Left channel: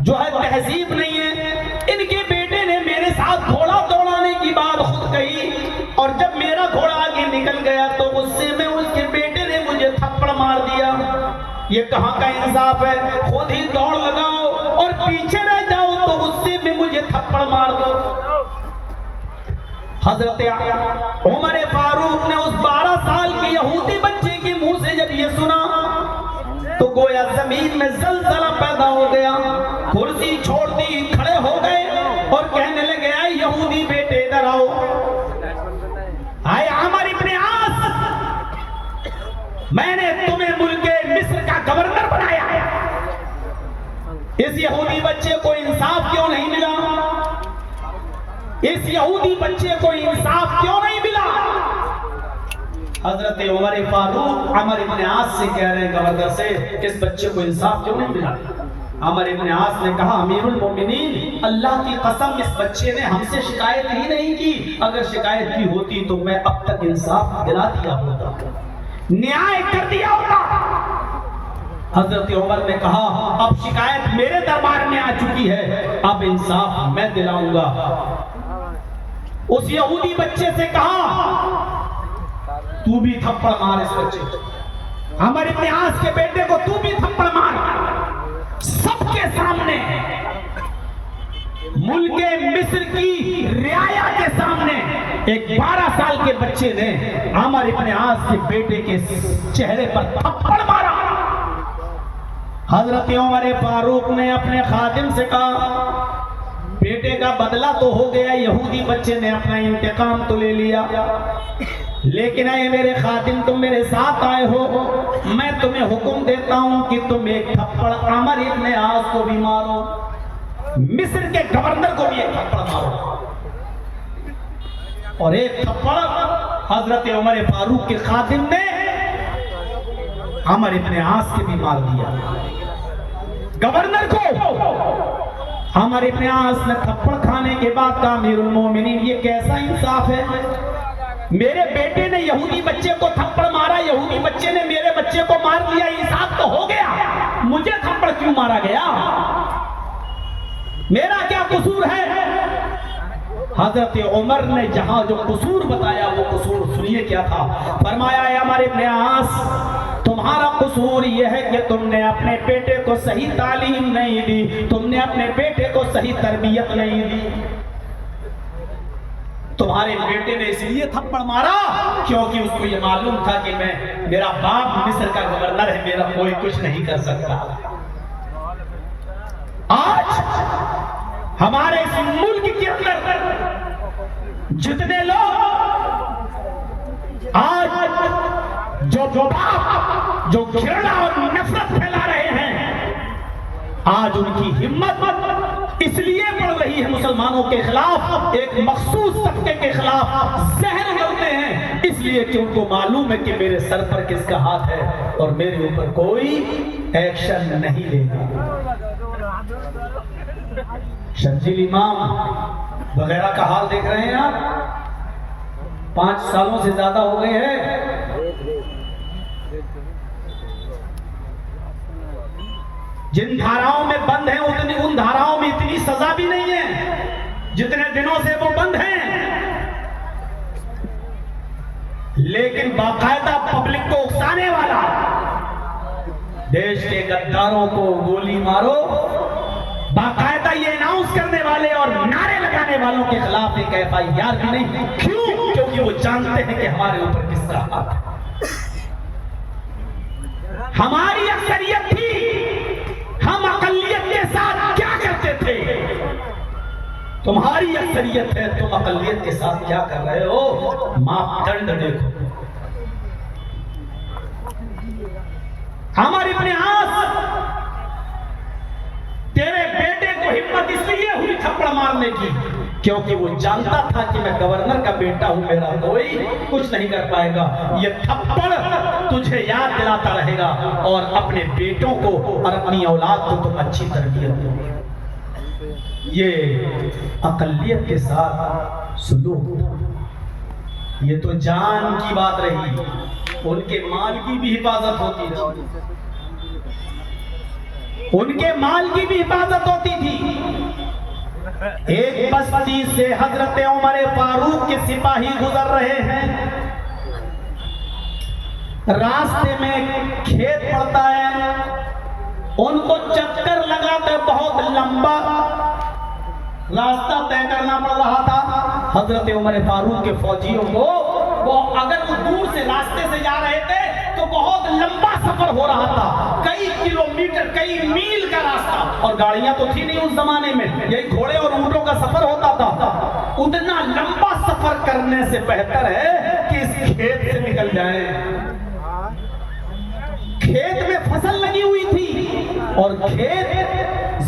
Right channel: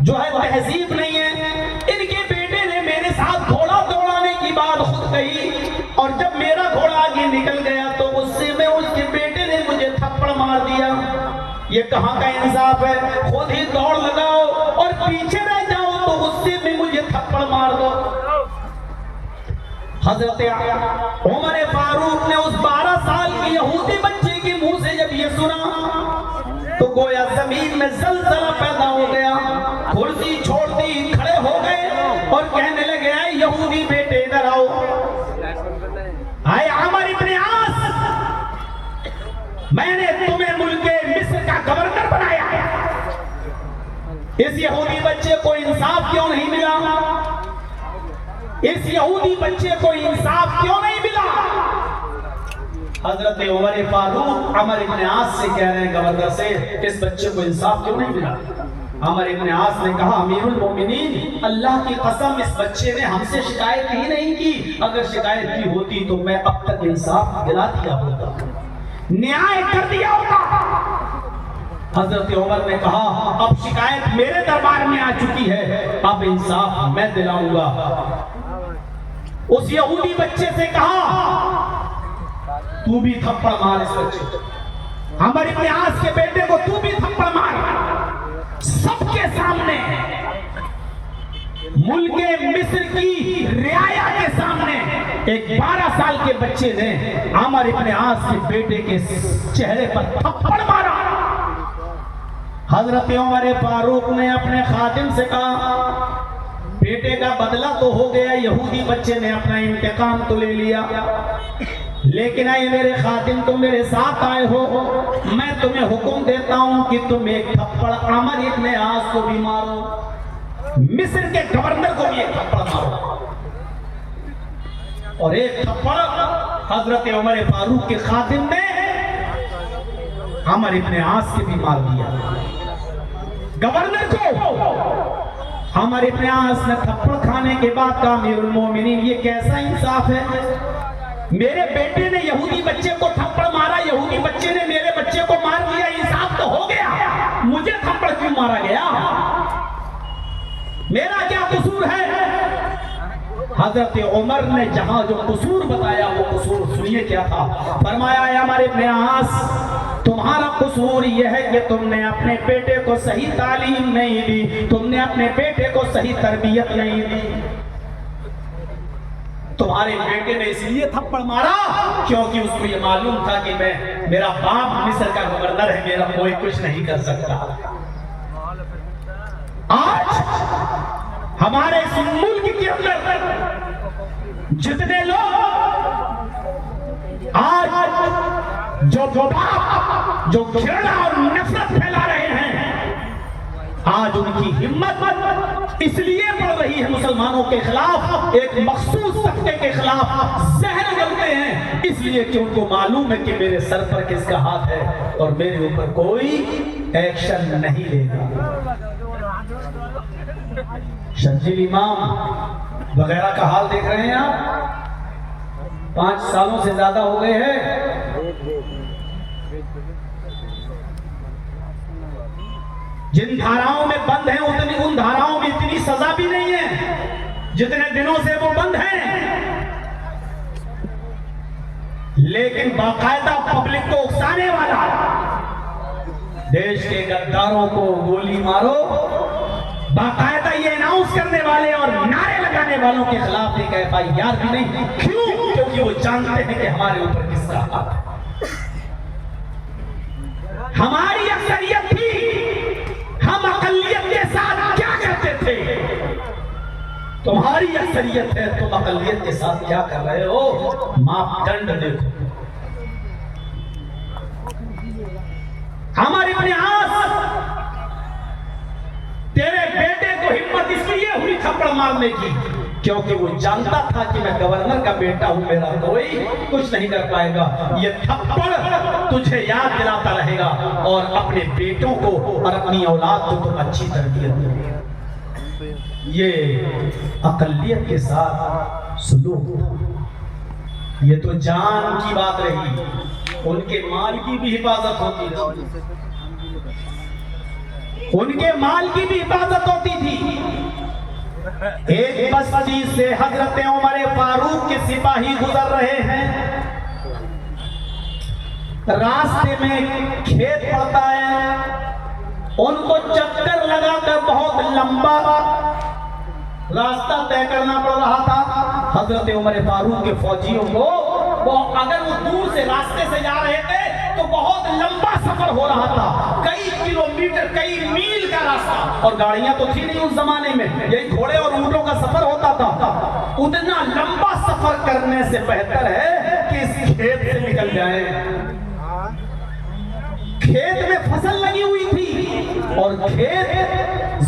जो है तहजीब नहीं है। इनके बेटे ने मेरे साथ घोड़ा दौड़ाने की बात खुद कही, और जब मेरा घोड़ा आगे निकल गया तो उससे में उसके बेटे ने मुझे थप्पड़ मार दिया। ये कहाँ का इंसाफ है? खुद ही दौड़ लगाओ और पीछे रह जाओ तो उससे भी मुझे थप्पड़ मार दो। हजरत उमर फारूक ने उस 12 साल के यहूदी बच्चे के मुंह से जब ये सुना तो गोया जमीन में जलजला पैदा हो गया। कुर्सी छोड़ दी, खड़े हो गए और कहने लगे, आए यहूदी बेटे इधर आओ। आए अमर इब्ने आस, मैंने तुम्हें मुल्के मिस्र का गवर्नर बनाया। इस यहूदी बच्चे को इंसाफ क्यों नहीं मिला? इस यहूदी बच्चे को इंसाफ क्यों नहीं मिला? हजरत उमर फारूक अमर इब्ने आस से कह रहे हैं गवर्नर से, इस बच्चे को इंसाफ क्यों नहीं मिला? अमर इब्ने आस ने कहा, अमीरुल मोमिनीन, अल्लाह की कसम इस बच्चे ने हमसे शिकायत ही नहीं की। अगर शिकायत की होती तो मैं अब तक इंसाफ दिला दिया होता, न्याय कर दिया होता। हजरत उमर ने कहा, अब शिकायत मेरे दरबार में आ चुकी है, अब इंसाफ मैं दिलाऊंगा। उस यहूदी बच्चे से कहा, तू भी थप्पड़ मार इस बच्चे को। अमर इब्ने आस के बेटे को तू भी थप्पड़ मार। सबके सामने, मुल्के मिस्र की रियाया के सामने एक 12 साल के बच्चे ने अमर इब्ने आस के बेटे के चेहरे पर थप्पड़ मारा। हजरत उमर फारूक ने अपने खादिम से कहा, बेटे का बदला तो हो गया, यहूदी बच्चे ने अपना इंतकाम तो ले लिया, लेकिन आए मेरे खादिम, तुम मेरे साथ आए हो, मैं तुम्हें हुक्म देता हूं कि तुम एक थप्पड़ अमर इब्ने आस को भी मारो, मिस्र के गवर्नर को भी एक थप्पड़ मारो। और एक थप्पड़ हजरत उमर फारूक के खादिम ने अमर इब्ने आस के भी मार दिया। गवर्नर को अमर इब्ने आस ने थप्पड़ खाने के बाद कहा, अमीरुल मोमिनीन, ये कैसा इंसाफ है? मेरे बेटे ने यहूदी बच्चे को थप्पड़ मारा, यहूदी बच्चे ने मेरे बच्चे को मार दिया, इंसाफ तो हो गया, मुझे थप्पड़ क्यों मारा गया? मेरा क्या कसूर है? हजरत उमर ने जहां जो कसूर बताया वो कसूर सुनिए क्या था। फरमाया, अमर इब्ने आस, तुम्हारा कसूर यह है कि तुमने अपने बेटे को सही तालीम नहीं दी, तुमने अपने बेटे को सही तरबियत नहीं दी। तुम्हारे बेटे ने इसलिए थप्पड़ मारा क्योंकि उसको ये मालूम था कि मेरा बाप मिस्र का गवर्नर है, मेरा कोई कुछ नहीं कर सकता। आज हमारे इस मुल्क के अंदर जितने लोग आज जो बाप जो घृणा और नफरत फैला रहे हैं, आज उनकी हिम्मत इसलिए बढ़ रही है मुसलमानों के खिलाफ, एक मखसूस तबके के खिलाफ जहर उगलते हैं, इसलिए कि उनको मालूम है कि मेरे सर पर किसका हाथ है और मेरे ऊपर कोई एक्शन नहीं लेगा। शर्जील इमाम वगैरह का हाल देख रहे हैं आप, 5 सालों से ज्यादा हो गए हैं। जिन धाराओं में बंद है उन धाराओं में इतनी सजा भी नहीं है जितने दिनों से वो बंद हैं, लेकिन बाकायदा पब्लिक को उकसाने वाला, देश के गद्दारों को गोली मारो, बाकायदा ये अनाउंस करने वाले और नारे लगाने वालों के खिलाफ एक FIR भी नहीं। क्यों? क्योंकि वो जानते हैं कि हमारे ऊपर किसका हाथ है। हमारी अक्सरियत थी, हम अकलियत के साथ क्या करते थे? तुम्हारी अक्सरियत है, तुम अकलियत के साथ क्या कर रहे हो? मापदंड देखो। अमर इब्ने आस, तेरे बेटे को हिम्मत इसलिए हुई थप्पड़ मारने की क्योंकि वो जानता था कि मैं गवर्नर का बेटा हूं, मेरा कोई कुछ नहीं कर पाएगा। ये थप्पड़ तुझे याद दिलाता रहेगा और अपने बेटों को और अपनी औलाद को तुम अच्छी तरबियत दो। ये अकलियत के साथ सुलूक, ये तो जान की बात रही, उनके माल की भी हिफाजत होती है। उनके माल की भी हिफाजत होती थी। एक बस्ती से हजरत उमर फारूक के सिपाही गुजर रहे हैं, रास्ते में खेत पड़ता है, उनको चक्कर लगाकर बहुत लंबा रास्ता तय करना पड़ रहा था। हजरत उमर फारूक के फौजियों को अगर वो दूर से रास्ते से जा रहे थे तो बहुत लंबा सफर हो रहा था, कई किलोमीटर कई मील का रास्ता, और गाड़ियां तो थी नहीं उस जमाने में, यही घोड़े और ऊंटों का सफर होता था। उतना लंबा सफर करने से बेहतर है कि इस खेत से निकल जाए। खेत में फसल लगी हुई थी और खेत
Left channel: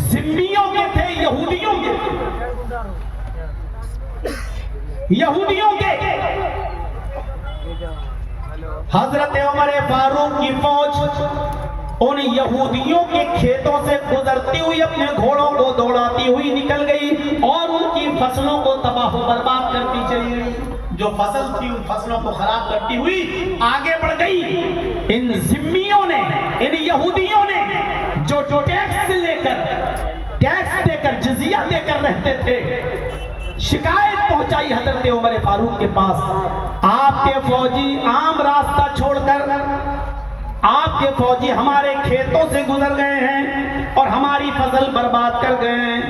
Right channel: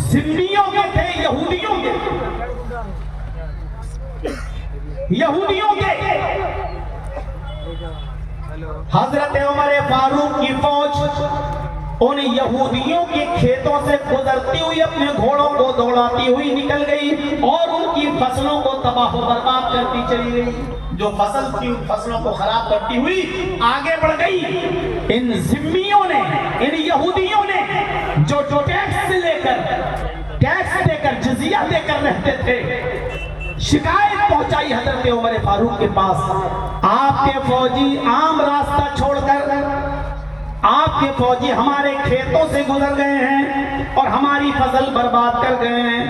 जिम्मियों के थे, यहूदियों के। हजरत उमर फारूक की फौज उन यहूदियों के खेतों से गुजरती हुई अपने घोड़ों को दौड़ाती हुई निकल गई और उनकी फसलों को तबाह बर्बाद करती चली गई। जो फसल थी उन फसलों को खराब करती हुई आगे बढ़ गई। इन जिम्मियों ने, इन यहूदियों ने जो टैक्स देकर जिजिया देकर रहते थे, शिकायत पहुंचाई हजरत उमर फारूक के पास। आपके फौजी आम रास्ता छोड़कर, आपके फौजी हमारे खेतों से गुजर गए हैं और हमारी फसल बर्बाद कर गए हैं।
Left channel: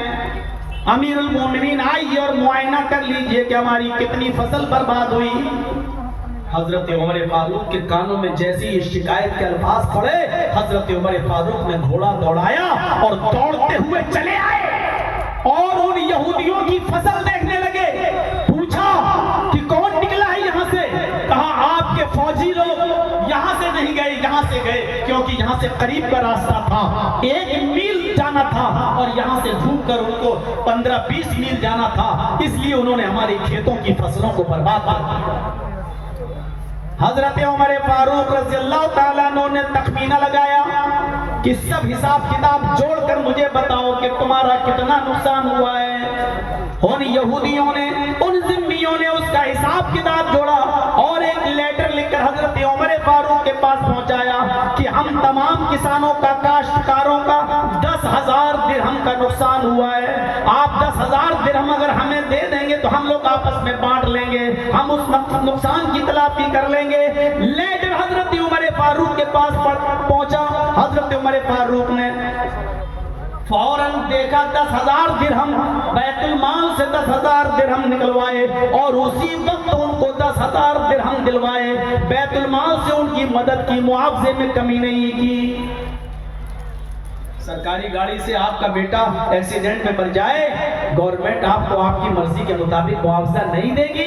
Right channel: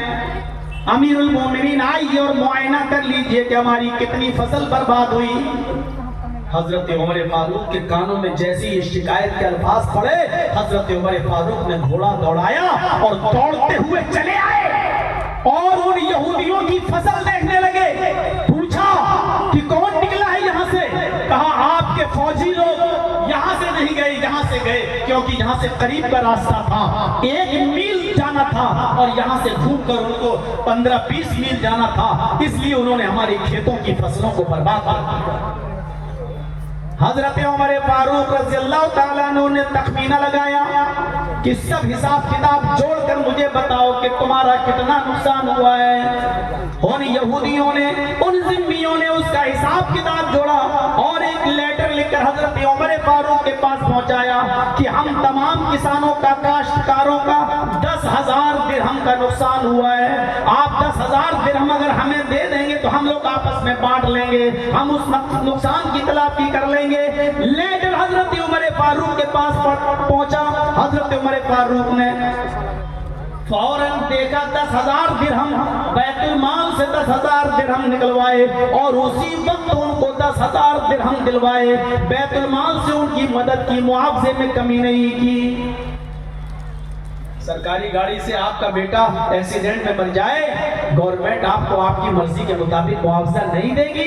अमीरुल मोमिनीन आइए और मुआयना कर लीजिए कि हमारी कितनी फसल बर्बाद हुई। हजरत उमर फारूक के कानों में जैसे ये शिकायत के अल्फाज पड़े, हजरत उमर फारूक ने घोड़ा दौड़ाया और दौड़ते हुए चले आए और उन यहूदियों की फसल देखने लगे। पूछा कि कौन निकला है यहाँ से? कहा आपके फौजी लोग यहाँ से नहीं गए, यहाँ से गए क्योंकि यहाँ से करीब का रास्ता था, 1 मील जाना था और यहाँ से घूमकर उनको 15-20 मील जाना था, इसलिए उन्होंने हमारे खेतों की फसलों को बर्बाद कर दिया। हजरत उमर फारूक रज़ियल्लाहु ताला अन्हु ने तखमीना लगाया कि सब हिसाब किताब जोड़कर मुझे बताओ कि तुम्हारा कितना नुकसान हुआ है। उन यहूदियों ने, उन जिम्मियों ने उसका हिसाब किताब जोड़ा और एक लेटर लिखकर हजरत उमर फारूक के पास पहुंचाया कि हम तमाम किसानों का, काश्तकारों का 10,000 दिरहम का नुकसान हुआ है। आप 10,000 दिरहम अगर हमें दे देंगे तो हम लोग आपस में बांट लेंगे, हम उस नुकसान की तलाफी कर लेंगे। लेटर हजरत उमर फारूक के पास पहुंचा। हजरत उमर फारूक ने फौरन देखा 10,000 दिरहम, बैतुल माल से 10,000 दिरहम निकलवाए और उसी वक्त उनको 10,000 दिरहम दिलवाए। बैतुल माल से उनकी मदद की, मुआवजे में कमी नहीं की। सरकारी गाड़ी से आपका बेटा एक्सीडेंट में मर जाए, गवर्नमेंट आपको आपकी मर्जी के मुताबिक मुआवजा नहीं देगी।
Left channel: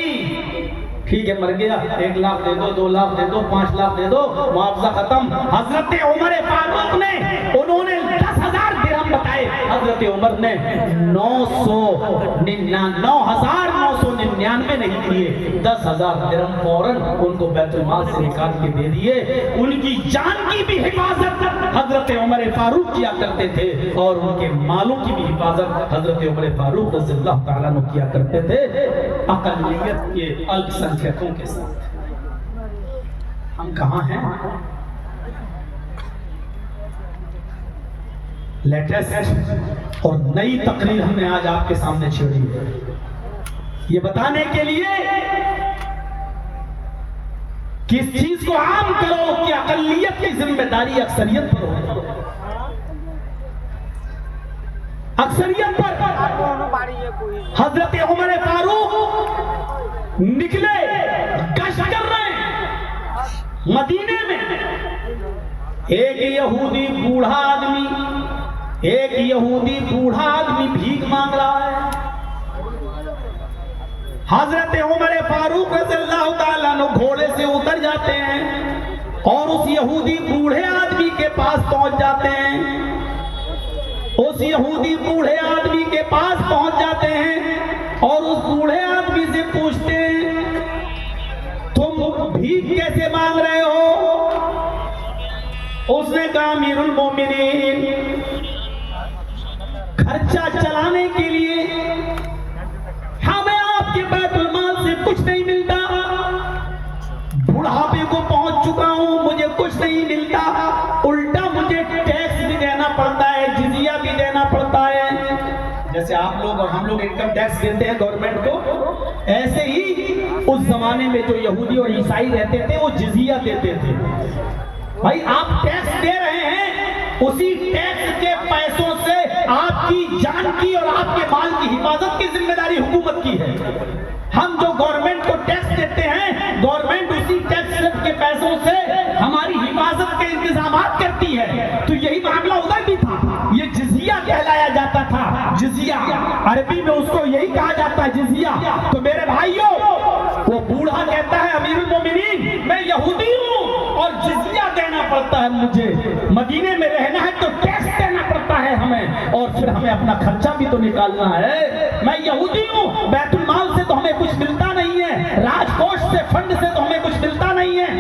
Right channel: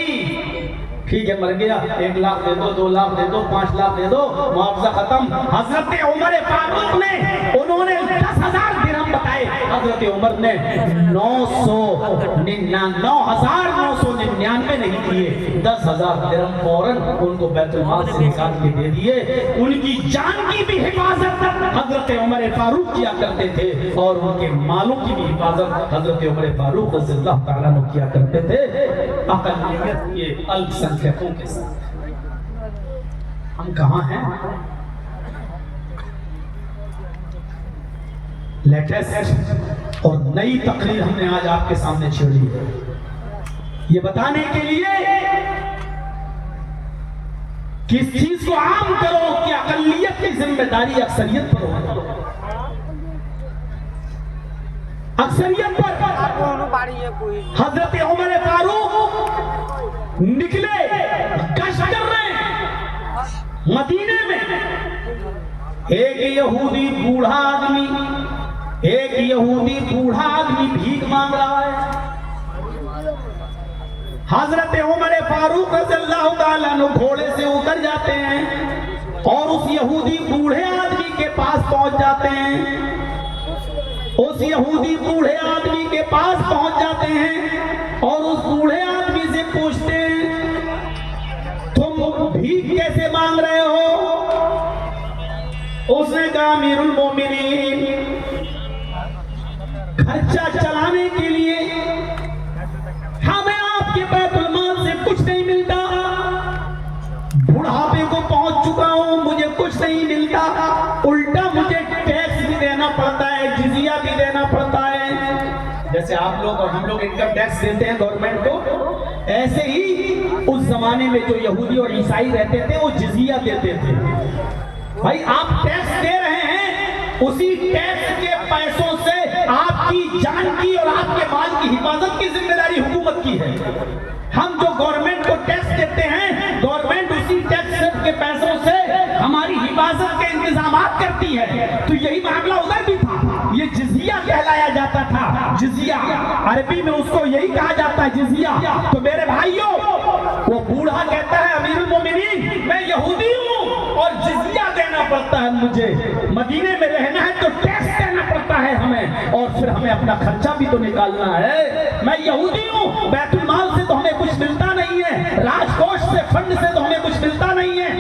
ठीक है, मर गया, 1 लाख दे दो, 2 लाख दे दो, 5 लाख दे दो, मुआवजा खत्म। हजरत उमर फारूक ने, उन्होंने 10,000 दिरहम बताए, हजरत उमर ने 9,999 नहीं दिए, 10,000 दिरहम फौरन उनको बैतुल माल से निकाल के दे दिए। उनकी जान की भी हिफाजत हजरत उमर फारूक किया करते थे और उनके मालों की भी हिफाजत हजरत उमर फारूक रज़ियल्लाहु ताला अन्हु किया करते थे, अक़लियत के, अल्पसंख्यकों के साथ। हम कहाँ हैं? लेटेस्ट और नई तकरीर हमने आज आपके सामने छेड़ी है, ये बताने के लिए कि इस चीज को आम करो कि अक़लियत की जिम्मेदारी अक्सरियत पर हो। अक्सरियत पर हजरत उमर फारूक निकले, गश्त कर रहे हैं मदीने में। एक यहूदी बूढ़ा आदमी भीख मांग रहा है। हजरत उमर फारूक रज़ियल्लाहु ताला अन्हु घोड़े से उतर जाते हैं और उस यहूदी बूढ़े आदमी के पास पहुंच जाते हैं। उस यहूदी बूढ़े आदमी के पास पहुंच जाते हैं और उस बूढ़े आदमी से पूछते हैं, तुम भीख कैसे मांग रहे हो? उसने कहा, अमीरुल मोमिनीन, खर्चा चलाने के लिए हमें आपके बैतुल माल से कुछ नहीं मिलता, बुढ़ापे को पहुंच चुका हूं, मुझे कुछ नहीं मिलता, उल्टा मुझे टैक्स भी देना पड़ता पड़ता है, जिजिया भी देना पड़ता है। जैसे आप लोग और हम लोग इनकम टैक्स देते हैं गवर्नमेंट को, ऐसे ही उस जमाने में जो यहूदी और ईसाई रहते थे वो जिजिया देते थे। भाई आप टैक्स दे रहे हैं, उसी टैक्स के पैसों से आपकी जान की और आपके माल की हिफाजत की जिम्मेदारी हुकूमत की है। हम जो गवर्नमेंट को टैक्स देते हैं, गवर्नमेंट उसी टैक्स के पैसों से हमारी हिफाजत के इंतजाम करती है। तो यही मामला उधर भी था, ये जिजिया कहलाया जाता था। जिजिया अरबी में उसको यही कहा जाता है, जिजिया। तो मेरे भाइयों, वो बूढ़ा कहता है अमीरुल मोमिनीन मैं यहूदी हूँ और जिजिया देना पड़ता है मुझे, मदीने में रहना है तो टैक्स देना पड़ता है हमें, और फिर हमें अपना खर्चा भी तो निकालना है। मैं यहूदी हूँ, बैतुल माल से तो हमें कुछ मिलता नहीं है, राजकोष से फंड से तो हमें कुछ मिलता नहीं है।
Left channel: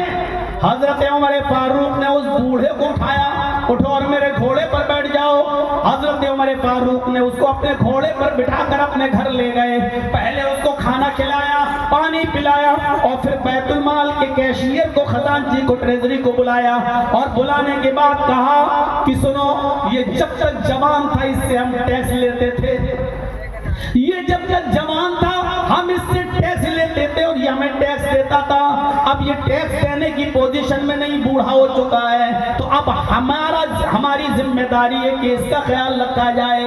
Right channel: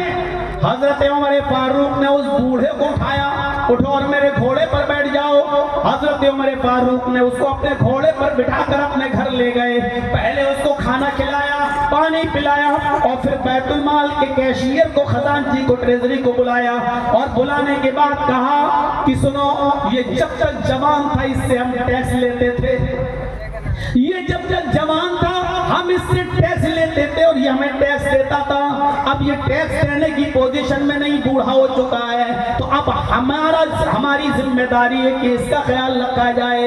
हजरत उमर फारूक ने उस बूढ़े को उठाया, उठो और मेरे घोड़े पर बैठ जाओ। हजरत उमर फारूक ने उसको अपने घोड़े पर बिठाकर अपने घर ले गए। पहले उसको खाना खिलाया, पानी पिलाया, और फिर बैतुल माल के कैशियर को, खजांची को, ट्रेजरी को बुलाया, और बुलाने के बाद कहा कि सुनो, ये जब तक जवान था इससे हम टैक्स लेते थे, ये जब तक जवान था हम इससे टैक्स लेते थे और ये हमें टैक्स देता था। अब ये टैक्स देने की पोजीशन में नहीं, बूढ़ा हो चुका है, तो अब हमारी जिम्मेदारी है कि इसका ख्याल रखा जाए।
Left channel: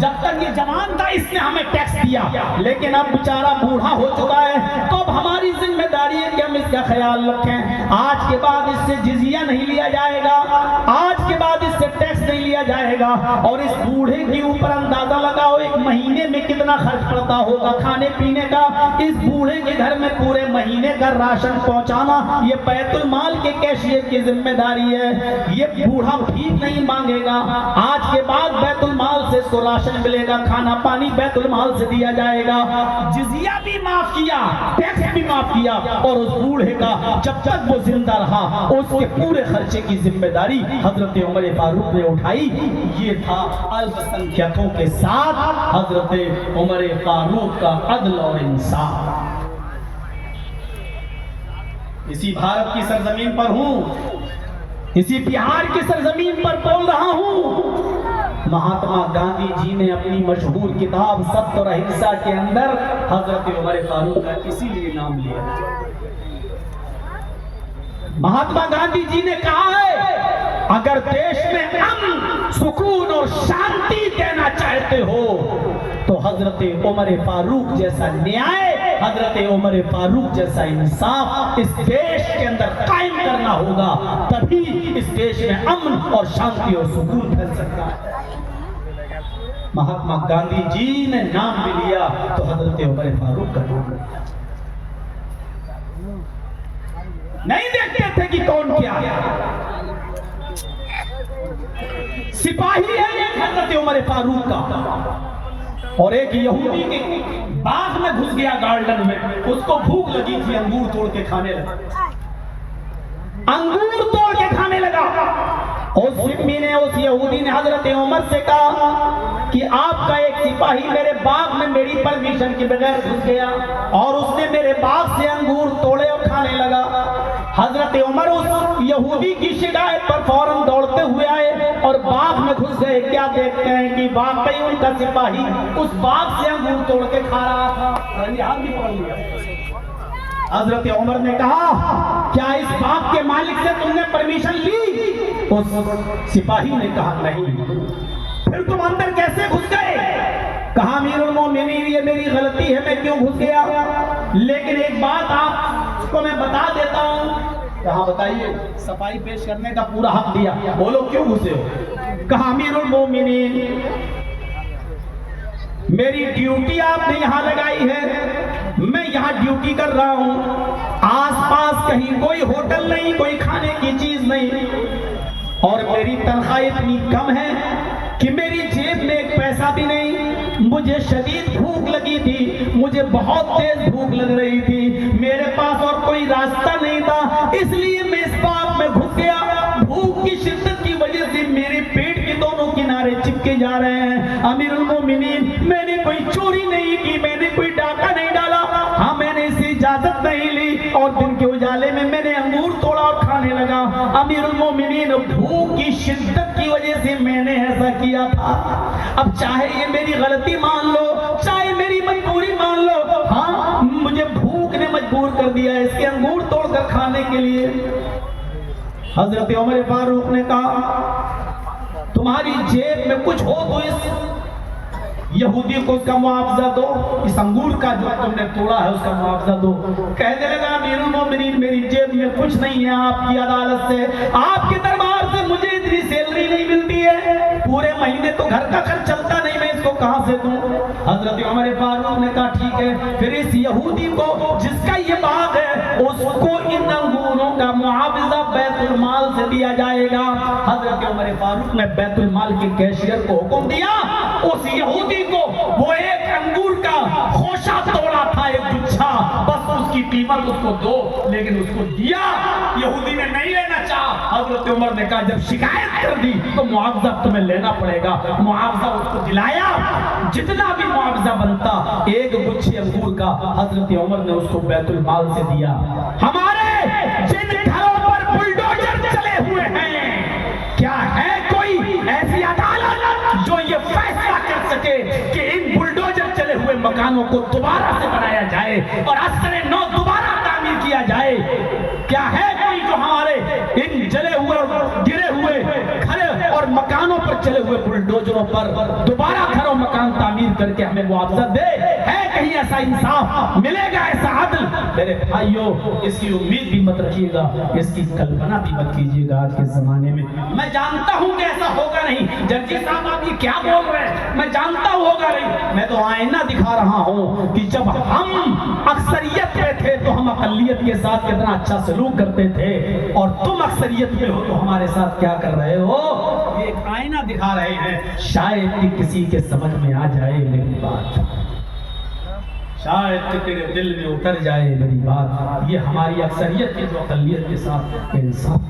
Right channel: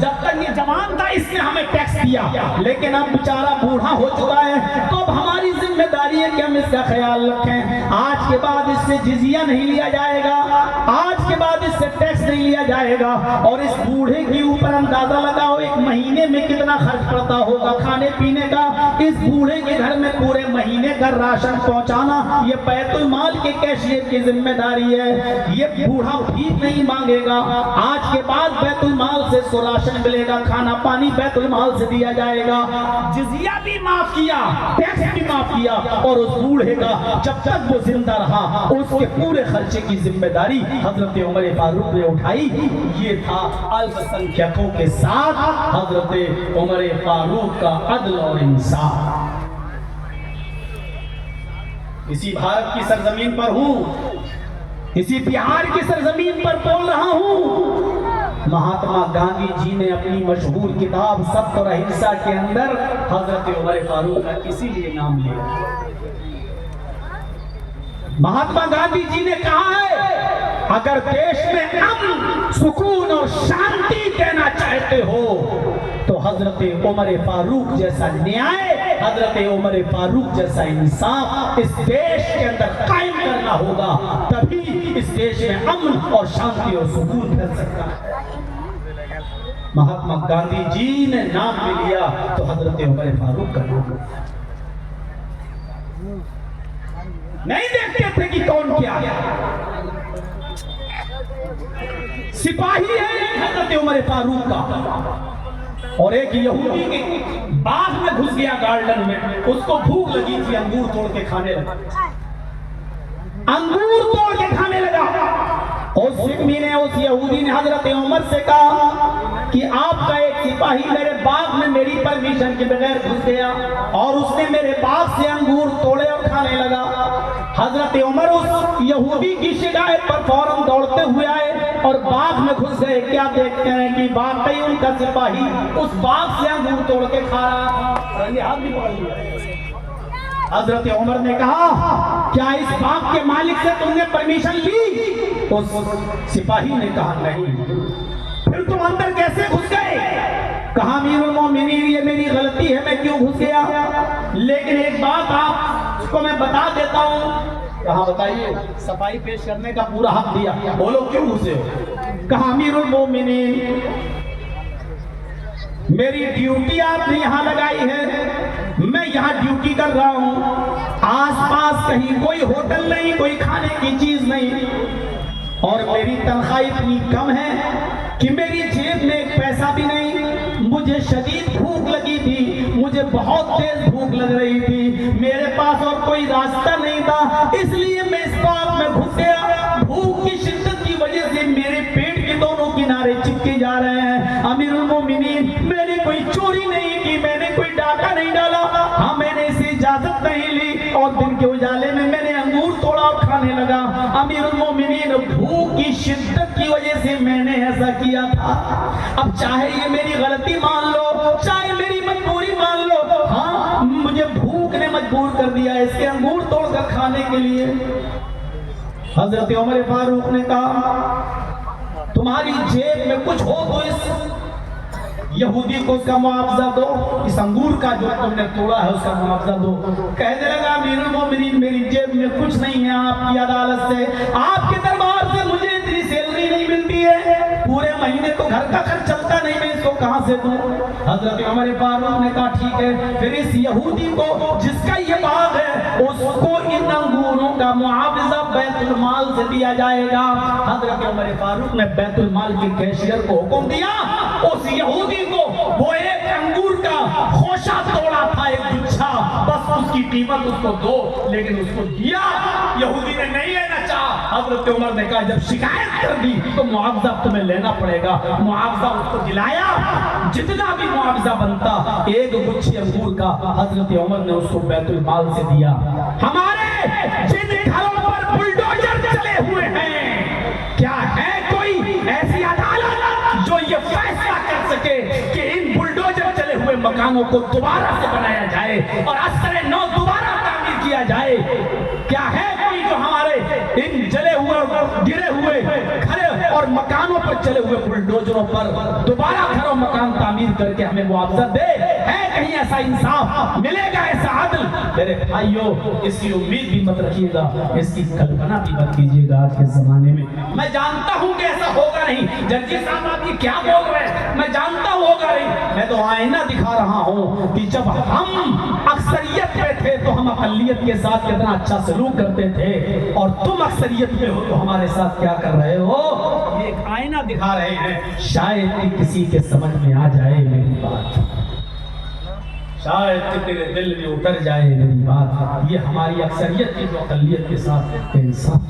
जब तक ये जवान था इसने हमें टैक्स दिया, लेकिन अब बेचारा बूढ़ा हो चुका है, तो अब हमारी जिम्मेदारी है कि हम इसका ख्याल रखें। आज के बाद इससे जिजिया नहीं लिया जाएगा, आज के बाद इससे टैक्स नहीं लिया जाएगा। और इस बूढ़े के ऊपर अंदाजा लगाओ एक महीने में कितना खर्च पड़ता होगा खाने पीने का। इस बूढ़े के घर में पूरे महीने का राशन पहुंचाना ये बैतुल माल के कैशियर की जिम्मेदारी है। ये बूढ़ा भीख नहीं मांगेगा, आज के बाद बैतुल माल से इसको राशन मिलेगा, खाना पानी बैतुल माल से दिया जाएगा। जिजिया भी माफ किया, टैक्स भी माफ किया, और उस बूढ़े का जब तक वो जिंदा रहा उसके पूरे खर्चे की जिम्मेदारी हजरत उमर फारूक ने उठाई। ये था अल्पसंख्यकों के साथ हजरत उमर फारूक का अदल और इंसाफ। इसी भारत की सरजमीन पर हूं, इसी बिहार की सरजमीन पर बोल रहा हूं। महात्मा गांधी जी ने अपनी मशहूर किताब सत्य और अहिंसा के अंदर हजरत उमर फारूक का इसीलिए नाम लिया। महात्मा गांधी जी ने कहा है, अगर देश में अमन, सुकून और शांति देना चाहते हो तो हजरत उमर फारूक जैसा न्याय, हजरत उमर फारूक जैसा इंसाफ इस देश के अंदर कायम करना होगा, तभी इस देश में अमन और शांति और सुकून फैल सकता है। महात्मा गांधी जी ने नाम भी लिया तो हजरत उमर फारूक का नाम लिया। नहीं देखते थे कि कौन क्या है, सिपाही है एक हजरत उमर फारूक का, और एक यहूदी के बाग में घुस गया गार्डन में, उसको भूख लगी थी, अंगूर तोड़ के खाने लगा, अंगूर तोड़ के खाने लगा। उस सिपाही ने, उस यहूदी ने हजरत उमर से कहा कि आपका एक सिपाही मेरे बाग में मेरी परमिशन के बगैर घुस गया और उसने मेरे बाग से अंगूर तोड़े और खाने लगा। हजरत उमर उस यहूदी की शिकायत पर फौरन दौड़ते हुए आए और बाग में घुस गए। क्या देखते हैं कि वाकई उनका सिपाही उस बाग से अंगूर तोड़ के खा रहा था, हाथ भी पकड़ लिया। हजरत उमर ने कहा, क्या इस बाग के मालिक से तुमने परमिशन ली? तो सिपाही ने कहा नहीं। फिर तुम अंदर कैसे घुस गए? कहा अमीरुल मोमिनीन ये मेरी गलती है, मैं क्यों घुस गया, लेकिन एक बात आपको मैं बता देता हूँ। कहा बताइए। सफाई पेश करने का पूरा हक दिया। बोलो क्यों घुसे? कहा अमीरुल मोमिनीन मेरी ड्यूटी आपने यहाँ लगाई है, मैं यहाँ ड्यूटी कर रहा हूँ, आसपास कहीं कोई होटल नहीं, कोई खाने की चीज नहीं, और मेरी तनख्वाह इतनी कम है कि मेरी जेब में एक पैसा भी नहीं। मुझे शदीद भूख लगी थी, मुझे बहुत तेज भूख लग रही थी, मेरे पास और कोई रास्ता नहीं था, इसलिए मैं इस बाग में घुस गया। भूख की शिद्दत की वजह से मेरे पेट के दोनों किनारे चिपके जा रहे हैं। अमीरुल मोमिनीन मैंने कोई चोरी नहीं की, मैंने कोई डाका नहीं डाला, हाँ मैंने इसे इजाजत नहीं ली और दिन के उजाले में मैंने अंगूर तोड़ा और खाने लगा। अमीरुल मोमिनीन भूख की शिद्दत की वजह से मैंने ऐसा दिया था। अब चाहे ये मेरी गलती मान लो, चाहे मेरी मजबूरी मान लो, हाँ मुझे भूख ने मजबूर कर दिया इसके अंगूर तोड़कर खाने के लिए। हजरत उमर फारूक ने कहा तुम्हारी जेब में कुछ हो तो इस यहूदी को उसका मुआवजा दो, इस अंगूर का जो तुमने तोड़ा है उसका मुआवजा दो। कहने लगा अमीरुल मोमिनीन मेरी जेब में कुछ नहीं है, आपकी अदालत से, आपके दरबार से मुझे इतनी सैलरी नहीं मिलती है, पूरे महीने तो घर का खर्च चलता नहीं, मैं इसको कहां से दूं। हजरत उमर फारूक ने कहा ठीक है, फिर इस यहूदी को जिसका ये बाग है उसको इन अंगूरों का मुआवजा बैतुल माल से दिया जाएगा। हजरत उमर फारूक ने बैतुल माल के कैशियर को हुक्म दिया उस यहूदी को, वो एक अंगूर का खोशा तोड़ा था, एक गुच्छा, बस उसकी कीमत उसको दो, लेकिन उसको दिया। यहूदी ने नहीं लेना चाहा। हजरत उमर ने कहा जब शिकायत कर दी तो मुआवजा तुम्हें लेना पड़ेगा। मुआवजा उसको दिलाया, जितना भी मुआवजा बनता, एक गुच्छे अंगूर का हजरत उमर ने उसको बैतुल माल से दिया। हमारे जिन घरों पर बुलडोजर चले हुए हैं, क्या है कोई ऐसी अदालत जो ये फैसला कर सके कि इन बुलडोजर चले हुए मकानों को दोबारा से बनाया जाए और असरे नौ दोबारा तामीर किया जाए? क्या है कोई जो हमारे इन जले हुए गिरे हुए घरों और मकानों पर चले हुए बुलडोजरों पर दोबारा घरों मकान तामीर करके हमें मुआवजा दे? है कहीं ऐसा इंसाफ मिलेगा, ऐसा अदल? मेरे भाइयों इसकी उम्मीद भी मत रखिएगा, इसकी कल्पना भी मत कीजिएगा आज के जमाने में। मैं जानता हूं कि ऐसा होगा नहीं। जर्जी साहब आप ये क्या बोल रहे हैं? मैं जानता हूं होगा नहीं। मैं तो आईना दिखा रहा हूं कि जब हम अक्सरियत में थे तो हम अकलियत के साथ कितना अच्छा सलूक करते थे, और तुम अक्सरियत में हो तो हमारे साथ क्या कर रहे हो? ये एक आईना दिखा रहे हैं। शायद कि किसी के समझ में आ जाए मेरी बात, शायद कि तेरे दिल में उतर जाए मेरी बात। ये हमारी अक्सरियत की जो अकलियत के साथ इंसाफ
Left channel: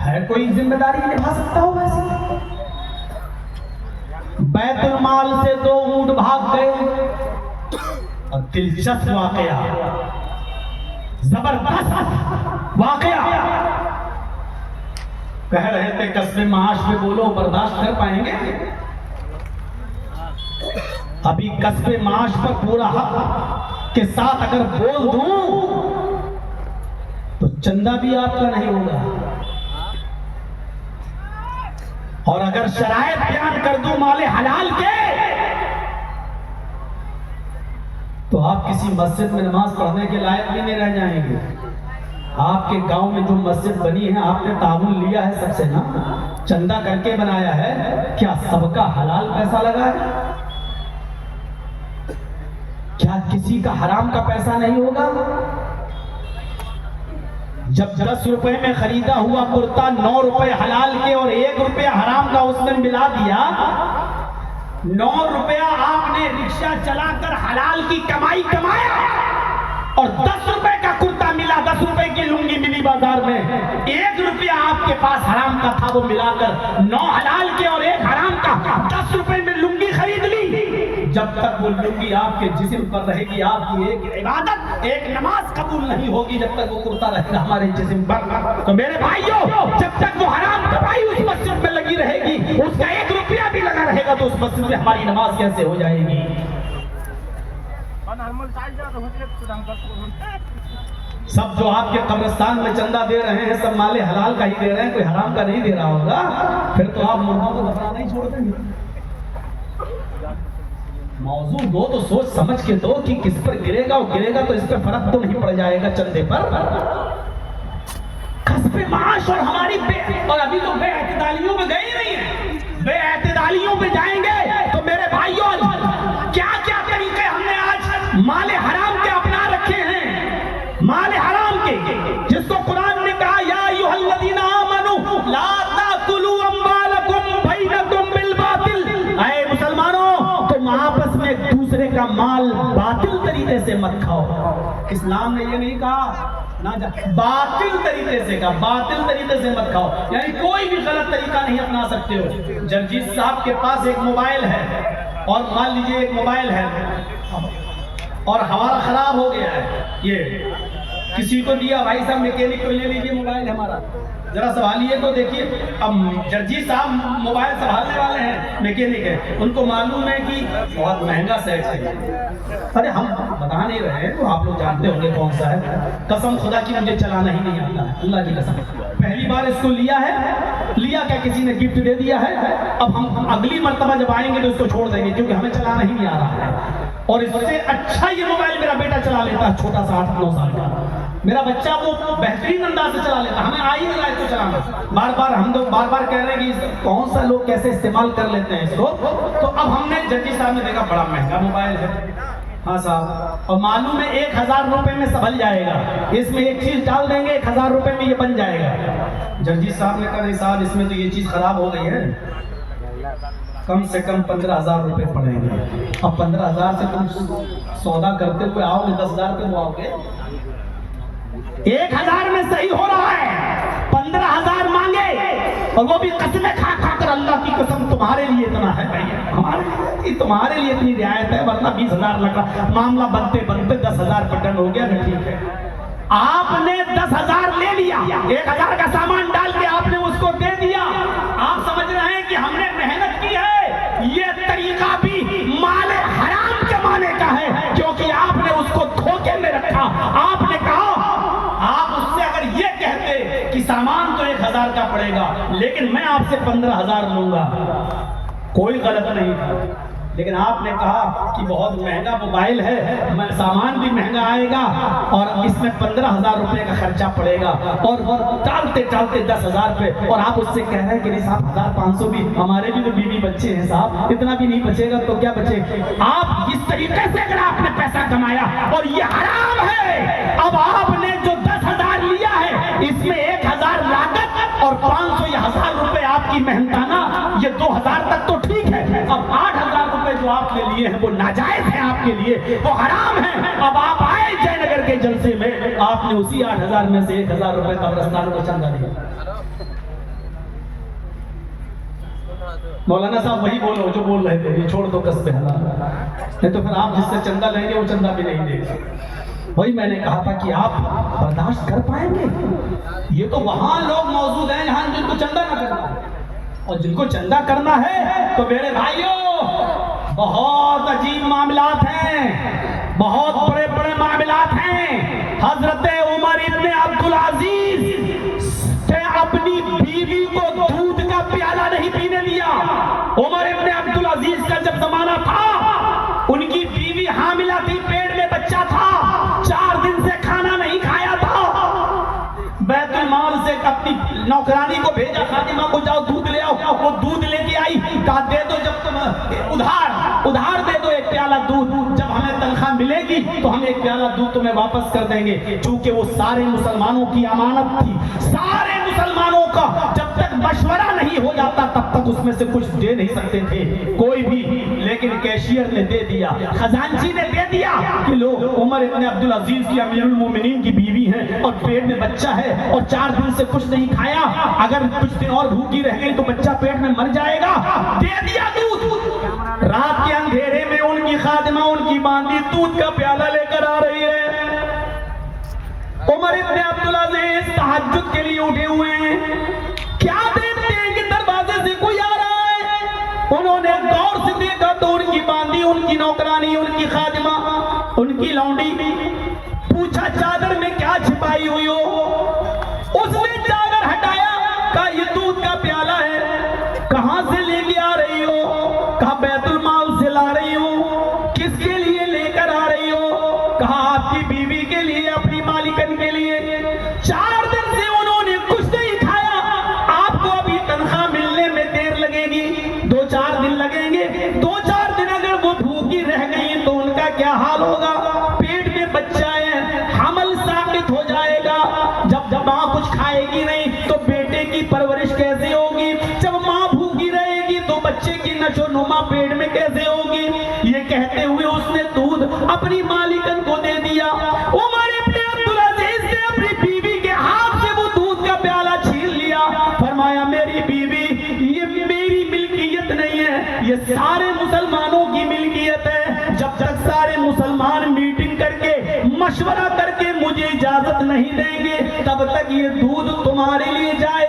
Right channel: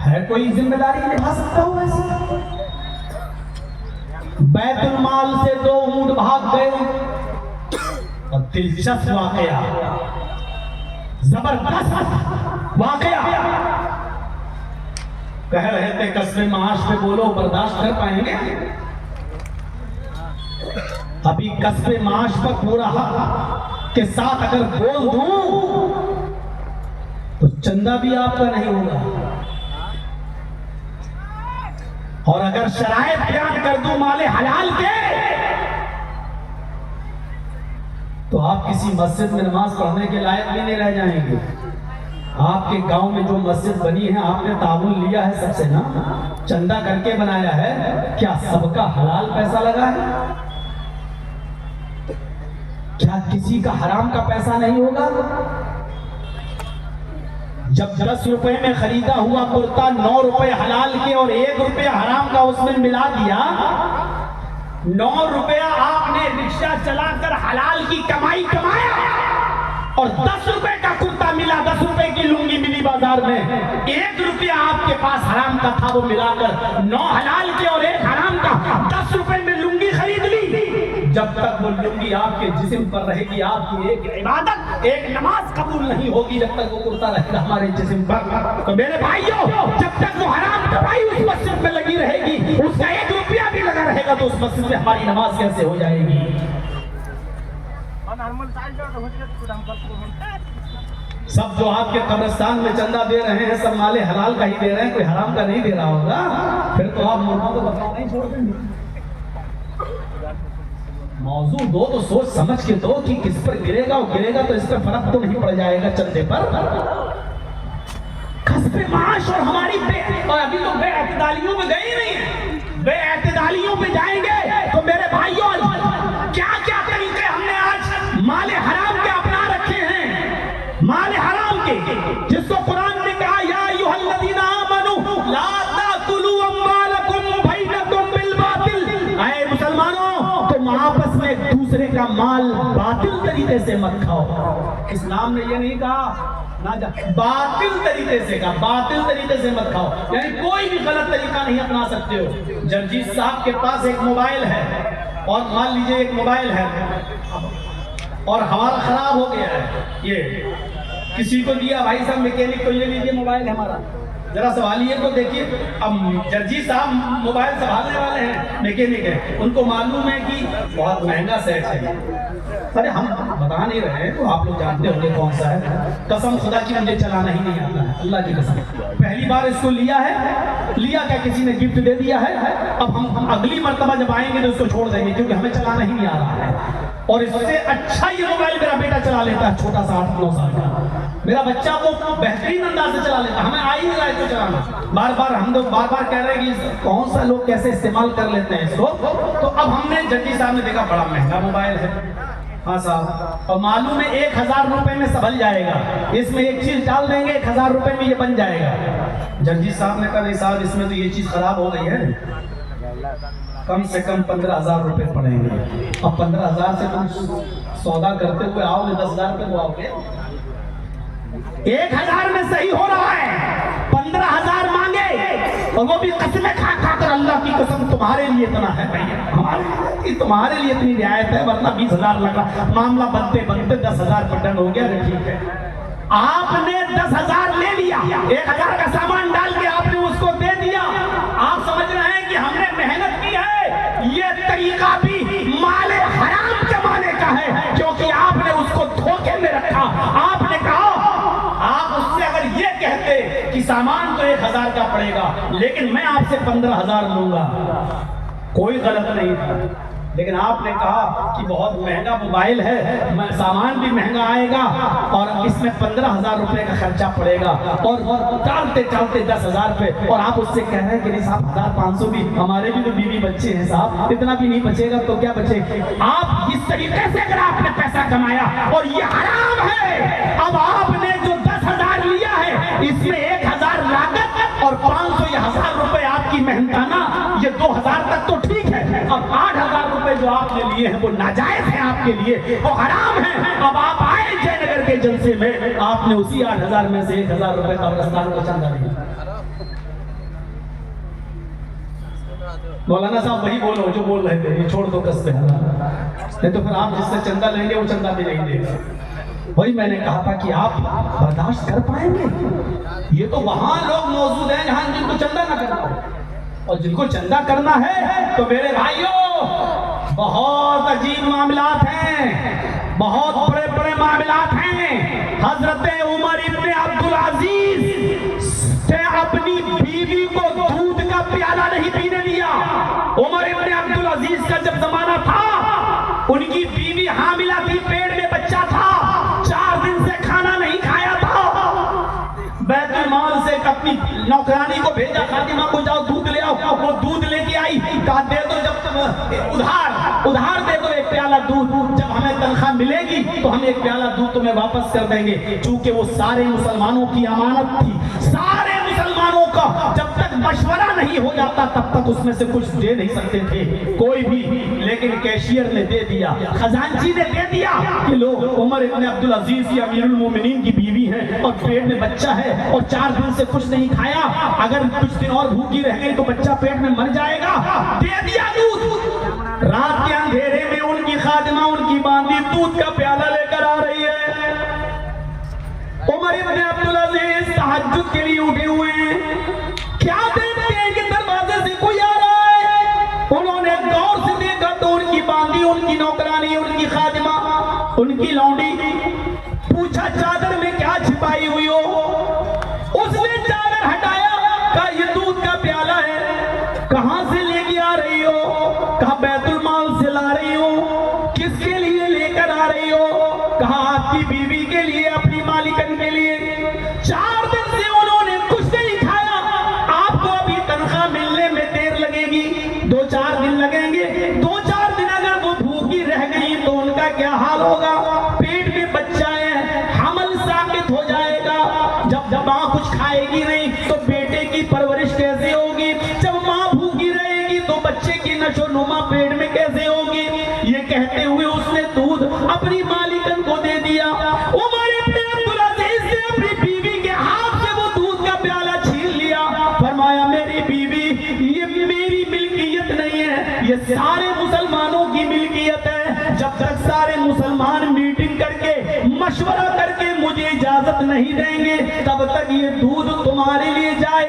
है, कोई जिम्मेदारी निभा सकता हो वैसे? बैतुल माल से 2 ऊंट भाग गए, और दिलचस्प वाकया, जबरदस्त वाकया। कह रहे थे कस्बे माश में बोलो बर्दाश्त कर पाएंगे? अभी कस्बे माश पर पूरा हक के साथ अगर बोल दूं तो चंदा भी आपका नहीं होगा, और अगर शरायत बयान कर दूं माले हलाल के तो आप किसी मस्जिद में नमाज पढ़ने के लायक भी नहीं रह जाएंगे। आपके गांव में जो मस्जिद बनी है आपने ताउन लिया है सबसे ना, चंदा करके बनाया है, क्या सबका हलाल पैसा लगा है? क्या किसी का हराम का पैसा नहीं होगा? जब 10 रुपए में खरीदा हुआ कुर्ता 9 रुपए हलाल के और 1 रुपया हराम का उसमें मिला दिया, 9 रुपया आपने रिक्शा चलाकर हलाल की कमाई कमाया, और 10 रुपए का कुर्ता मिला, 10 रुपए की लुंगी मिली बाजार में, 1 रुपया आपके पास हराम का था, वो मिलाकर 9 हलाल के और 1 हराम का 10 रुपए में लुंगी खरीद ली। जब तक वो लुंगी आपके जिस्म पर रहेगी, आपकी एक इबादत, एक नमाज कबूल नहीं होगी जब तक वो कुर्ता रहेगा हमारे जिस्म पर। तो मेरे भाइयों, जब तक वो हराम कमाई उस मस्जिद में लगी रहेगी, उसका 1 रुपया भी लगा रहेगा, तो उस मस्जिद में हमारी नमाज कैसे हो जाएगी? सब जो आपके कब्रिस्तान में चंदा दे रहे हैं सब माले हलाल का ही दे रहे हैं, कोई हराम का नहीं दे रहा होगा, फिर तो आप मुर्दों को दफना नहीं छोड़ देंगे। मौजू दो तो सोच समझ के दो कि किस पर गिरेगा, और गिरेगा तो इस पर फर्क तो नहीं पड़ जाएगा चंदे पर। कस्बे माश और हमारी और अभी तो बेअतदालियों में गए नहीं है, बेअतदालियों में जाएंगे तो मेरे भाइयों क्या क्या तरीके हमने आज माले हराम के अपना रखे हैं, माले हराम के, जिसको कुरान ने कहा या अय्युहल्लज़ीना आमनू ला ताकुलू अम्वालकुम बैनकुम बिल बातिल। ऐ मुसलमानों, तुम आपस में एक दूसरे का माल बातिल तरीके से मत खाओ। इस्लाम ने ये नहीं कहा ना बातिल तरीके से का, बातिल तरीके से मत खाओ, यानी कोई भी गलत तरीका नहीं अपना सकते हो। जर्जीत साहब के पास एक मोबाइल है, और मान लीजिए एक मोबाइल है और हमारा खराब हो गया है, ये किसी को दिया, भाई साहब मैकेनिक को, ये लीजिए मोबाइल है हमारा, जरा सवाल ये तो देखिए, अब जर्जी साहब मोबाइल संभालने वाले हैं, मैकेनिक है, उनको मालूम है कि बहुत महंगा सेट है। अरे हम बता नहीं रहे हैं, तो आप लोग जानते होंगे कौन सा है। कसम खुदा की मुझे चलाना ही नहीं आता है, अल्लाह की कसम। पहली बार इसको लिया है, लिया क्या किसी ने गिफ्ट दे दिया है। अब हम अगली मर्तबा जब आएंगे तो उसको छोड़ देंगे, क्योंकि हमें चलाना ही नहीं आ रहा है। और इससे अच्छा ये मोबाइल मेरा बेटा चला लेता है, छोटा सा 8-9 साल का। मेरा बच्चा को बेहतरीन अंदाज से चला लेता, हमें आ ही नहीं आए तो चलाना। बार बार हम लोग बार कह रहे हैं कि कौन सा लोग कैसे इस्तेमाल कर लेते हैं इसको। तो अब हमने जड्डी साहब ने देखा बड़ा महंगा मोबाइल है, हाँ साहब, और मालूम है 1000 रुपए में संभल जाएगा, इसमें एक चीज डाल देंगे 1000 रुपए में ये बन जाएगा। जड्डी साहब ने कहा नहीं साहब, इसमें तो ये चीज खराब हो गई है, कम से कम 15,000 रुपए पड़ेंगे। अब 15,000 से तुम सौदा करते हुए आओगे, 10,000 रुपए तो आओगे। 1000 में सही हो रहा है, 15,000 मांगे, और वो भी कसमें खा कर, अल्लाह की कसम तुम्हारे लिए इतना है भैया, तुम्हारे लिए इतनी रियायत है, वरना 20,000 लगा। मामला बनते बनते 10,000 का टन हो गया। ठीक है, आपने 10,000 ले लिया, 1,000 का सामान डाल के आपने उसको दे दिया। आप समझ रहे हैं कि हमने मेहनत की है, ये तरीका भी माले हराम जमाने का है, क्योंकि आपने उसको धोखे में रखा। आपने कहा, आप उससे अगर ये कहते कि सामान तो 1,000 का पड़ेगा, लेकिन मैं आपसे 15,000 लूंगा, कोई गलत नहीं था। लेकिन आपने कहा कि बहुत महंगा मोबाइल है, सामान भी महंगा आएगा, और इसमें 15,000 रुपए का खर्चा पड़ेगा, और टालते टालते 10,000 पे, और आप उससे कह रहे हैं कि नहीं साहब 1,500 भी, हमारे भी तो बीवी बच्चे हैं साहब, इतना भी नहीं बचेगा तो क्या बचेगा। आप इस तरीके से अगर आपने पैसा कमाया, और ये हराम है। अब आपने जो 10,000 लिया है, इसमें 1,000 लागत और 500 या 1,000 रुपए आपकी मेहनताना, ये 2,000 तक तो ठीक है। अब 8,000 रुपए जो आपने लिए हैं वो नाजायज है आपके लिए, वो हराम है। अब आप आए जयनगर के जलसे में, आपने उसी 8,000 में से 1,000 रुपए कब्रिस्तान को चंदा दिया। मौलाना साहब वही बोलो जो बोल रहे थे, ये छोड़ दो कसते, नहीं तो फिर आप जिससे चंदा लेंगे वो चंदा भी नहीं देगा। वही मैंने कहा था कि आप बर्दाश्त कर पाएंगे। ये तो वहां लोग मौजूद हैं जहां जिनको चंदा ना करना हो, और जिनको चंदा करना है तो मेरे भाइयों बहुत अजीब मामलात हैं, बहुत बड़े बड़े मामलात हैं। हजरत उमर इब्ने अब्दुल अजीज से अपनी बीवी को दूध का प्याला नहीं पीने दिया। उमर इब्ने अब्दुल अजीज का जब जमाना था, उनकी बीवी हामिला थी, पेट में बच्चा था, 4 दिन से खाना नहीं खाया था। बैतुल माल से अपनी नौकरानी को भेजा, खातिमा को जाओ दूध ले आओ। वो दूध लेके आई, कहा दे दो, जब तुम उधार दे दो 1 प्याला दूध, जब हमें तनख्वाह मिलेगी तो हम 1 प्याला दूध तुम्हें वापस कर देंगे। चूंकि वो सारे मुसलमानों की अमानत थी, सारे मुसलमानों का जब तक मशवरा नहीं हो जाता तब तक उसमें से कुछ दे नहीं सकते थे कोई भी। लेकिन कैशियर ने दे दिया, खजांची ने दे दिया कि लो, उमर इब्ने अब्दुल अजीज की अमीरुल मोमिनीन की बीवी है, और पेट में बच्चा है, और 4 दिन से कुछ नहीं खाया, अगर कुछ दिन और भूखी रह गई तो बच्चा पेट में मर जाएगा। दे दिया दूध। रात के अंधेरे में उनकी खादिमा, उनकी बांदी दूध का प्याला लेकर आ रही है। उमर इब्ने अब्दुल अजीज तहज्जुद के लिए उठे हुए हैं, क्या देखते हैं कि दरवाजे से कोई आ रहा है। उन्होंने गौर से देखा तो उनकी बांदी, उनकी नौकरानी, उनकी खादिमा, उनकी लौंडी। पूछा चादर में क्या छिपाई हुई हो। उसने चादर हटाया, कहा ये दूध का प्याला है। कहां से लेके आ रही हो? कहा बैतुल माल से ला रही हो। किसके लिए लेकर आ रही हो? कहा आपकी बीवी के लिए, अपनी मालिकन के लिए। 4 दिन से उन्होंने कुछ नहीं खाया। आपको अभी तनख्वाह मिलने में देर लगेगी, 2-4 दिन लगेंगे। 2-4 दिन अगर वो भूखी रह गई तो उनका क्या हाल होगा। पेट में बच्चा है, हमल साबित हो जाएगा। जब माँ कुछ खाएगी नहीं तो बेटे की परवरिश कैसे होगी। जब माँ भूखी रहेगी तो बच्चे की नशोनुमा पेट में कैसे होगी। ये कहते हुए उसने दूध अपनी मालिकन को दे दिया। उमर इब्ने अब्दुल अजीज ने अपनी बीवी के हाथ से वो दूध का प्याला छीन लिया। फरमाया मेरी बीवी, ये मेरी मिल्कियत नहीं है, ये सारे मुसलमानों की मिल्कियत है। जब तक सारे मुसलमान मीटिंग करके मशवरा करके मुझे इजाजत नहीं देंगे तब तक ये दूध तुम्हारे लिए जाए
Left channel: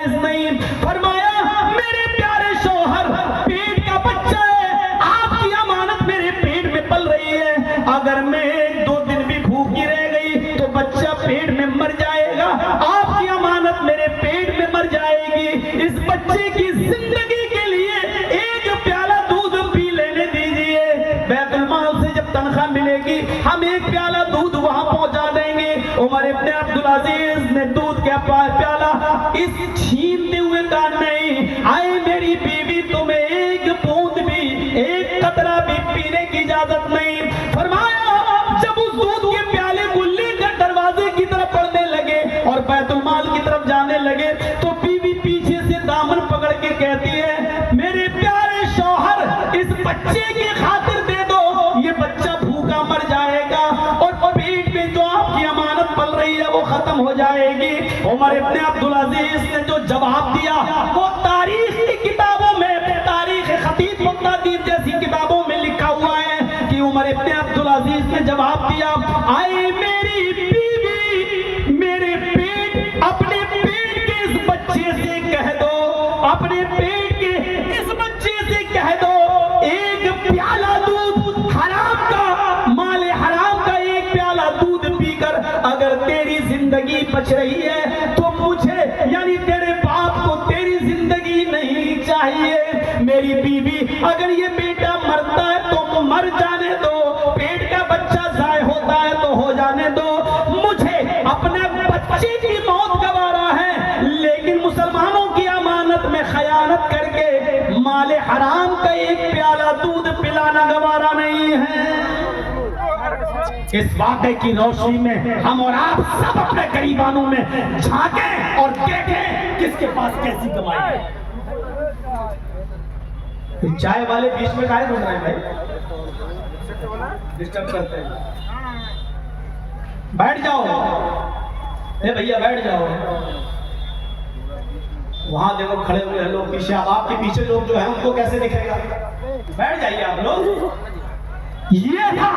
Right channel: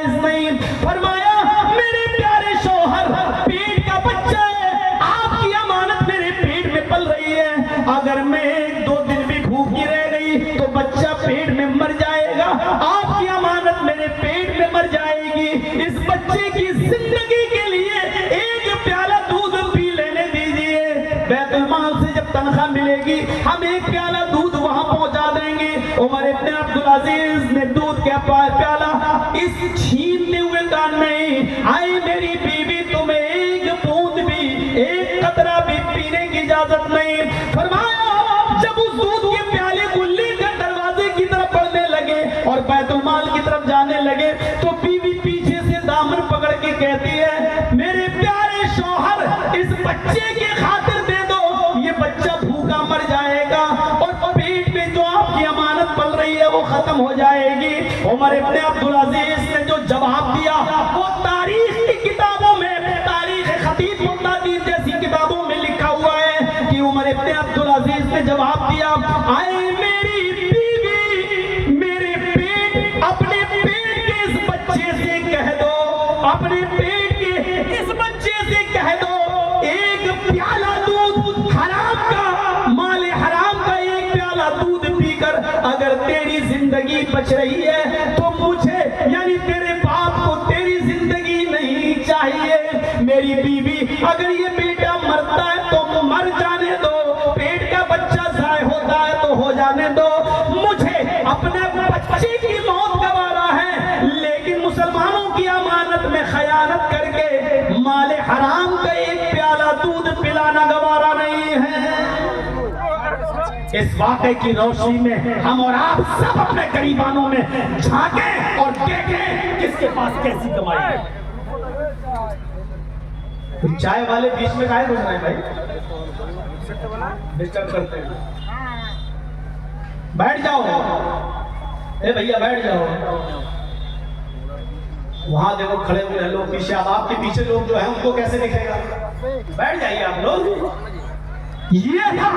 शौहर, पेट का बच्चा है, आपकी अमानत मेरे पेट में पल रही है, अगर मैं 1-2 दिन भी भूखी रह गई तो बच्चा पेट में मर जाएगा, आपकी अमानत मेरे पेट में मर जाएगी, इस बच्चे की जिंदगी के लिए एक प्याला दूध पी लेने दीजिए, बैतुल माल से जब तनख्वाह मिलेगी हम एक प्याला दूध वहां पहुंचा देंगे। उमर इब्न अब्दुल अजीज ने दूध का प्याला इस छीनते हुए कान में, आए मेरी बीवी तुम्हें एक बूंद भी, एक कतरा भी पीने की इजाजत नहीं। फरमाया जब उस दूध के प्याले को लेकर दरवाजे की तरफ बढ़ने लगे और बैतुल माल की तरफ जाने लगे तो बीवी पीछे से दामन पकड़ के कहती है, मेरे प्यारे शौहर इस बच्चे के खातिर दे दो, ये बच्चा भूखा मर जाएगा और पेट में जो आपकी अमानत पल रही है वो खत्म हो जाएगी। उमर इब्न अब्दुल अजीज ने जो जवाब दिया वो तारीख की किताबों में, तारीख खतीब बगदादी जैसी किताबों में लिखा हुआ है कि उमर इब्न अब्दुल अजीज ने जवाब दिया, आए मेरी बीवी मेरे पेट, अपने पेट के इस बच्चे से कह दो, अपने पेट के इस बच्चे से कह दो, एक प्याला दूध हराम का, माले हराम का एक प्याला दूध पीकर अगर तेरी जिंदगी बच रही है तो मुझे यानी तेरे बाप को तेरी जिंदगी नहीं चाहिए। मेरी बीवी अगर ये बेटा मरता है तो मर जाने दो, पेट का बच्चा जाए होता है तो हो जाने दो, मुझे अपने बच्चे की मौत गवारा है, लेकिन मुसलमानों की अमानत में खयानत करके माले हराम का एक प्याला दूध पिलाना गवारा नहीं है। इस वाक़े की रोशनी में हम और आप सब अपने गरीबानों में झांकें और देखें किसके पास कैसी कमाई है। चाय वाले बीच में काहे घुस रहे हैं भाई, डिस्टर्ब करते हैं, बैठ जाओ, ए भैया बैठ जाओ, वहां देखो खड़े हुए हैं लोग पीछे, अब आपके पीछे लोग जो है उनको कैसे दिखेगा, बैठ जाइए आप लोग। ये था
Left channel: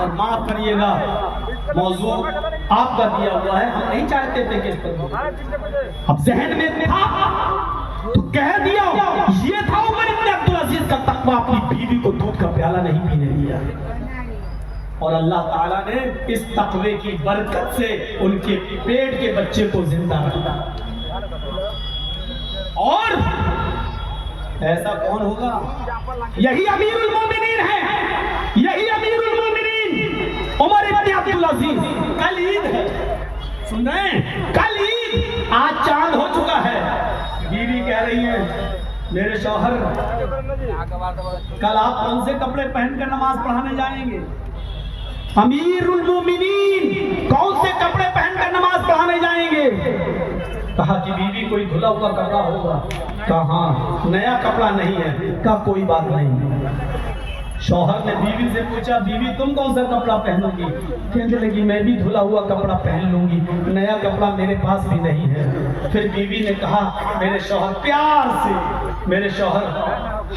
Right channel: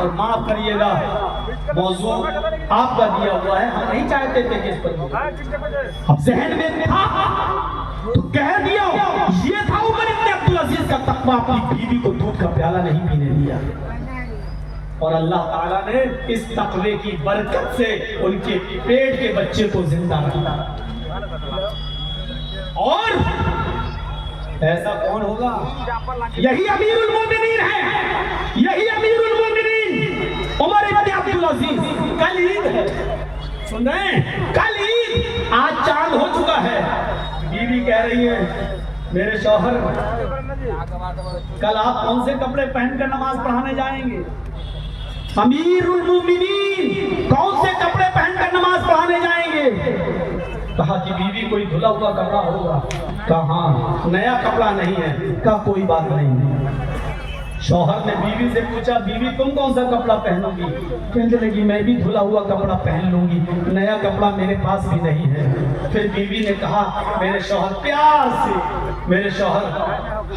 और माफ करिएगा मौजूद आपका दिया हुआ है, हम नहीं चाहते थे कि इस पर, अब जहन में था तो कह दिया। ये था उमर इब्न अब्दुल अजीज का तकवा, अपनी बीवी को दूध का प्याला नहीं पीने दिया और अल्लाह ताला ने इस तकवे की बरकत से उनके पेट के बच्चे को जिंदा रखा। और ऐसा कौन होगा, यही अमीरुल मोमिनीन है, यही अमीरुल मोमिनीन उमर इब्न अब्दुल अजीज। कल ईद है, सुन रहे हैं, कल ईद, आज चांद हो चुका है। बीवी कह रही है, मेरे शौहर कल आप कौन से कपड़े पहनकर नमाज पढ़ाने जाएंगे? अमीरुल मोमिनीन कौन से कपड़े पहनकर नमाज पढ़ाने जाएंगे? कहा कि बीवी कोई धुला हुआ कपड़ा होगा। कहा हाँ, नया कपड़ा नहीं है। कहा कोई बात नहीं। शौहर ने बीवी से पूछा, बीवी तुम कौन सा कपड़ा पहनोगी? कहने लगी मैं भी धुला हुआ कपड़ा पहन लूंगी, नया कपड़ा मेरे पास भी नहीं है। फिर बीवी ने कहा, मेरे शौहर प्यार से, मेरे शौहर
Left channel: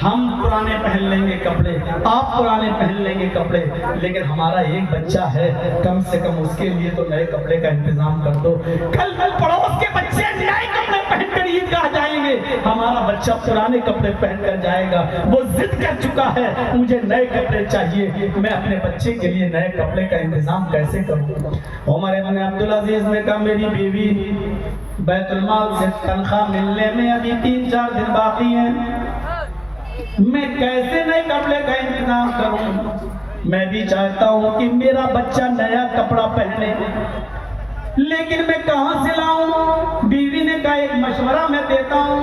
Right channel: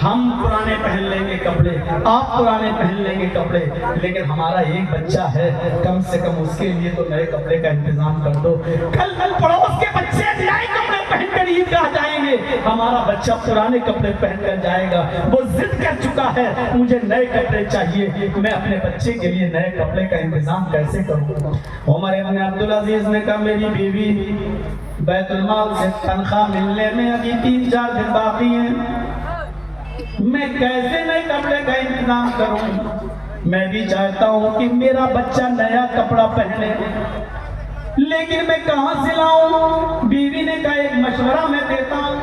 हम पुराने पहन लेंगे कपड़े, आप पुराने पहन लेंगे कपड़े, लेकिन हमारा एक बच्चा है, कम से कम उसके लिए तो नए कपड़े का इंतजाम कर दो। कल पड़ोस के बच्चे नए कपड़े पहनकर ईदगाह जाएंगे, हमारा बच्चा पुराने कपड़े पहनकर जाएगा। वो जिद कर चुका है, मुझे नए कपड़े चाहिए, मैं अपने बच्चे के लिए नए कपड़े का इंतजाम कैसे करूँ? उमर इब्न अब्दुल अजीज ने कहा, मेरी बीवी बैतुल माल से तनख्वाह मिलने में अभी 3-4 दिन बाकी है, मैं कैसे नए कपड़े का इंतजाम करूँ? मैं भी चाहता हूँ कि मेरा बच्चा नया कपड़ा पहने, लेकिन मैं कहाँ से लाऊं? बीवी ने कहा, एक मशवरा मैं देता हूँ,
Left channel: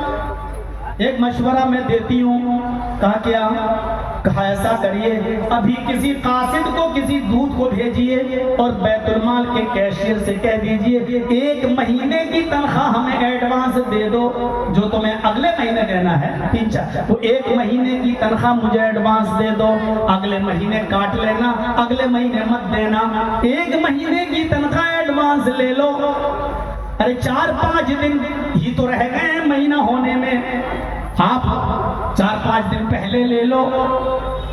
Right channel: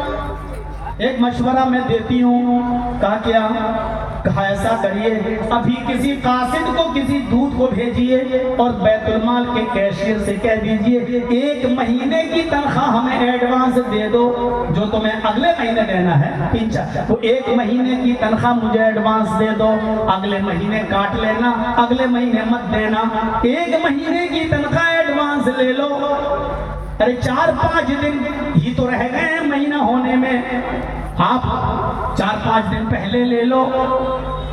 एक मशवरा मैं देती हूँ। कहा क्या? कहा ऐसा करिए, अभी किसी कासिद को किसी दूध को भेजिए और बैतुल माल के कैशियर से कह दीजिए 1 महीने की तनख्वाह हमें एडवांस दे दो, जो तुम्हें अगले महीने देना है 3-4, वो 1 महीने की तनख्वाह मुझे एडवांस दे दो, अगले महीने काट लेना, अगले महीने मत देना, 1 महीने की तनख्वाह एडवांस ले लो। अरे 4-5 दिन ही तो रह गए महीना होने में, आप 4-5 दिन पहले ले लो,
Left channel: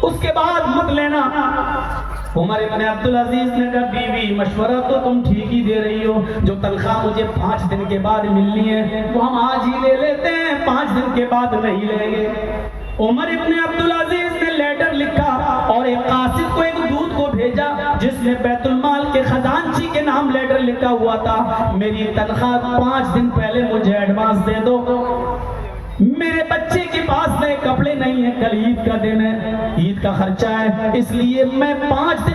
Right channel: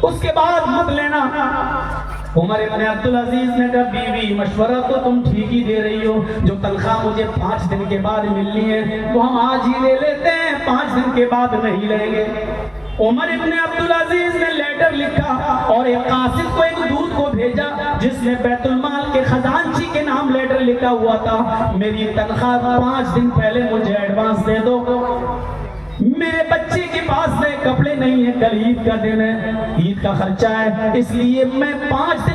उसके बाद मत लेना। उमर इब्न अब्दुल अजीज ने कहा बीवी मशवरा तो तुम ठीक ही दे रही हो, जो तनख्वाह मुझे 5 दिन के बाद मिलनी है वो हम आज ही ले लेते हैं, 5 दिन के बाद नहीं लेंगे। उमर इब्न अब्दुल अजीज ने लेटर लिखा और एक कासिद को, एक दूत को भेजा जिसने बैतुल माल के खजांची के नाम लेटर लिखा हुआ था, मेरी तनख्वाह 5 दिन पहले मुझे एडवांस दे दो, मेरे बच्चे के पास नए कपड़े नहीं है, कल ईद का दिन है, ईद का खर्चा है, इसलिए मैं 5 दिन